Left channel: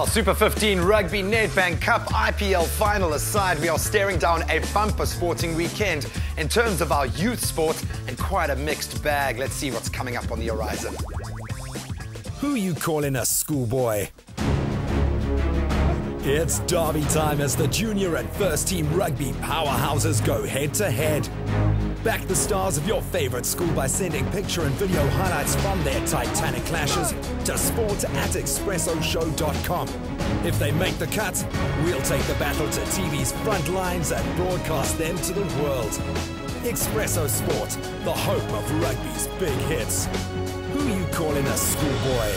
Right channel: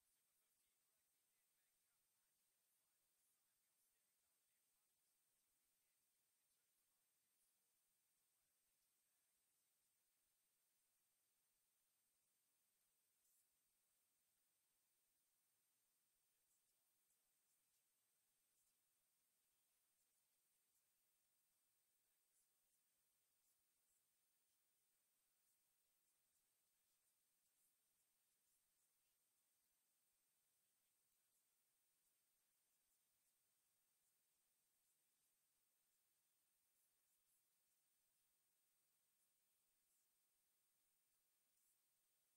Well, Super 15 Rugby Nedbank Cup IPL final aside, we are staring down a bumper sporting weekend in terms of our youth sport and quite a mixed bag. Let's see what's coming up on the horizon. Who you calling a schoolboy? It's derby time as the junior and first team rugby powerhouses go head to head. Back the stars of your favorite school by sending picture and video highlights from their titanic clashes to sport@expressoshow.com. If they make the cut, we'll take the battle to TV's front lines and broadcast them to the world. Expresso Sport, the home of rugby's big hits. Who you calling a schoolboy?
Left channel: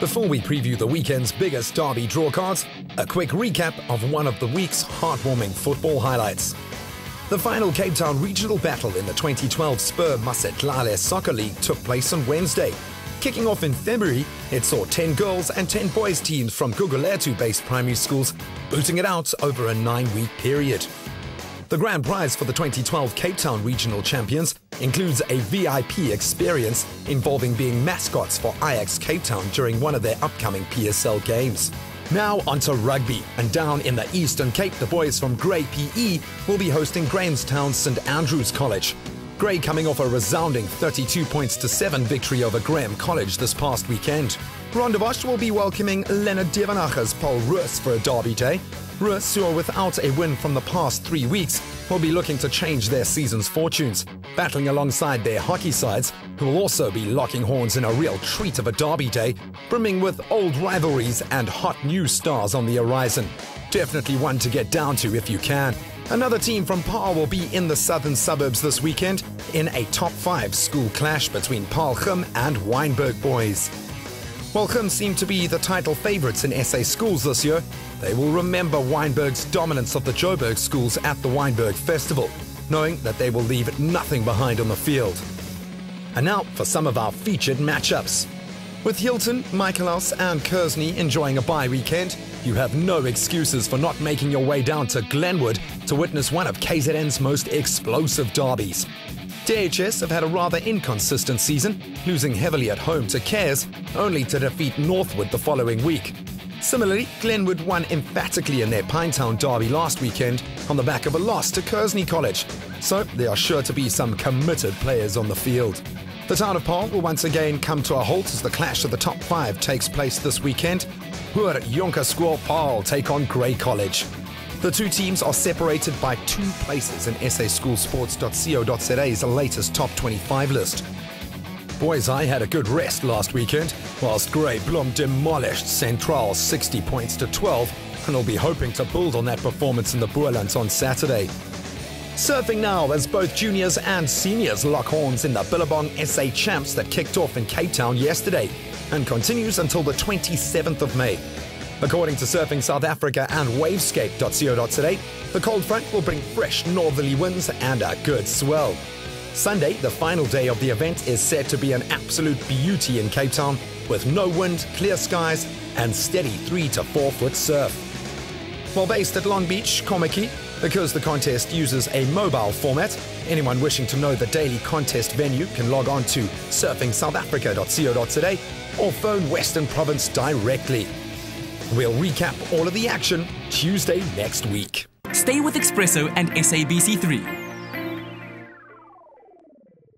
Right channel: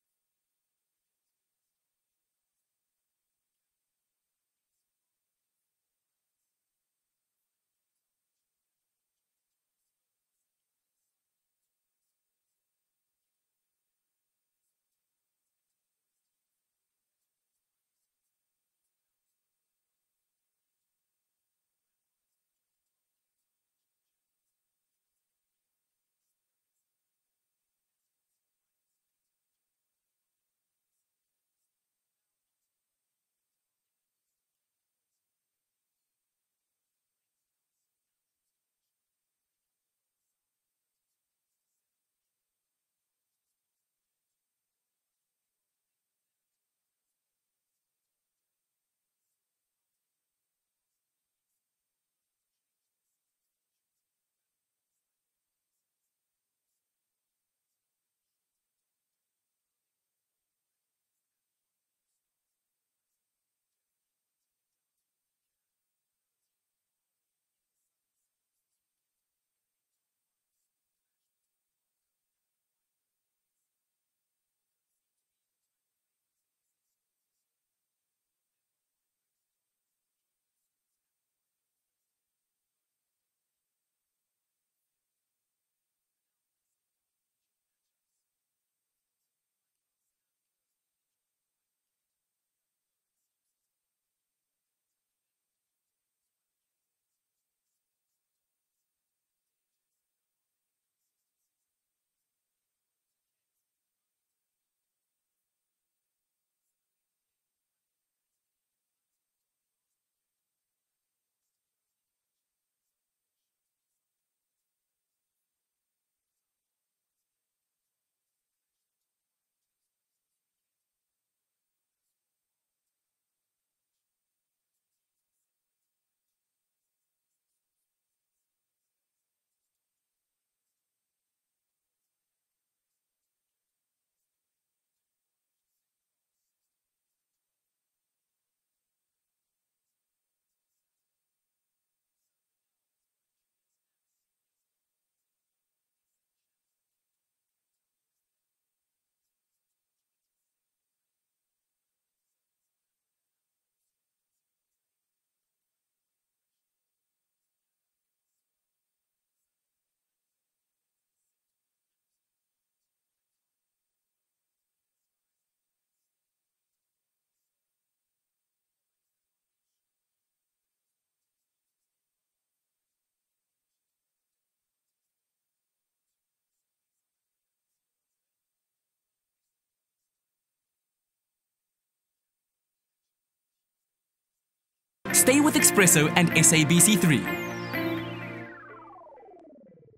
Before we preview the weekend's biggest derby draw cards, a quick recap of one of the week's heartwarming football highlights. The final Cape Town regional battle in the 2012 Spur Masetlale Soccer League took place on Wednesday. Kicking off in February, it saw 10 girls and 10 boys teams from Gugulethu-based primary schools booting it out over a 9-week period. The grand prize for the 2012 Cape Town regional champions includes a VIP experience involving being mascots for Ajax Cape Town during one of their upcoming PSL games. Now onto rugby, and down in the Eastern Cape, the boys from Grey PE will be hosting Grahamstown's St Andrews College. Grey coming off a resounding 32-7 victory over Graham College this past weekend. Rondebosch will be welcoming Leonard Devanagher's Paarl Rus for a derby day. Rus, who are without a win from the past 3 weeks, will be looking to change their season's fortunes, battling alongside their hockey sides, who will also be locking horns in a real treat of a derby day, brimming with old rivalries and hot new stars on the horizon. Definitely one to get down to if you can. Another team from Paarl will be in the southern suburbs this weekend in a top 5 school clash between Paarl Gim and Wynberg boys. While Gim seem to be the title favourites in SA schools this year, they will remember Wynberg's dominance of the Joburg schools at the Wynberg Festival, knowing that they will leave nothing behind on the field. And now for some of our featured matchups. With Hilton, Michaelhouse and Kersney enjoying a bye weekend, you have no excuses for not making your way down to Glenwood to witness one of KZN's most explosive derbies. DHS have had a rather inconsistent season, losing heavily at home to Cares, only to defeat Northwood the following week. Similarly, Glenwood won emphatically in their Pinetown derby last weekend on the back of a loss to Kersney College, so there are sure to be some committed players on the field. The town of Paarl will once again come to a halt as the clash of the top 5 takes place this weekend. Hoër Jonkerschool Paarl take on Grey College. The two teams are separated by 2 places in saschoolsports.co.za's latest top 25 list. Boys High had a good rest last weekend, whilst Grey Bloem demolished Central 60-12 and will be hoping to build on that performance in the Boerlands on Saturday. Surfing now as both juniors and seniors lock horns in the Billabong SA Champs that kicked off in Cape Town yesterday and continues until the 27th of May. According to Surfing South Africa and wavescape.co.za, the cold front will bring fresh northerly winds and a good swell. Sunday, the final day of the event, is said to be an absolute beauty in Cape Town, with no wind, clear skies and steady 3 to 4 foot surf. While based at Long Beach, Komaki, because the contest uses a mobile format, anyone wishing to know the daily contest venue can log on to surfingsouthafrica.co.za or phone Western Province directly. We'll recap all of the action Tuesday next week. Stay with Expresso and SABC3.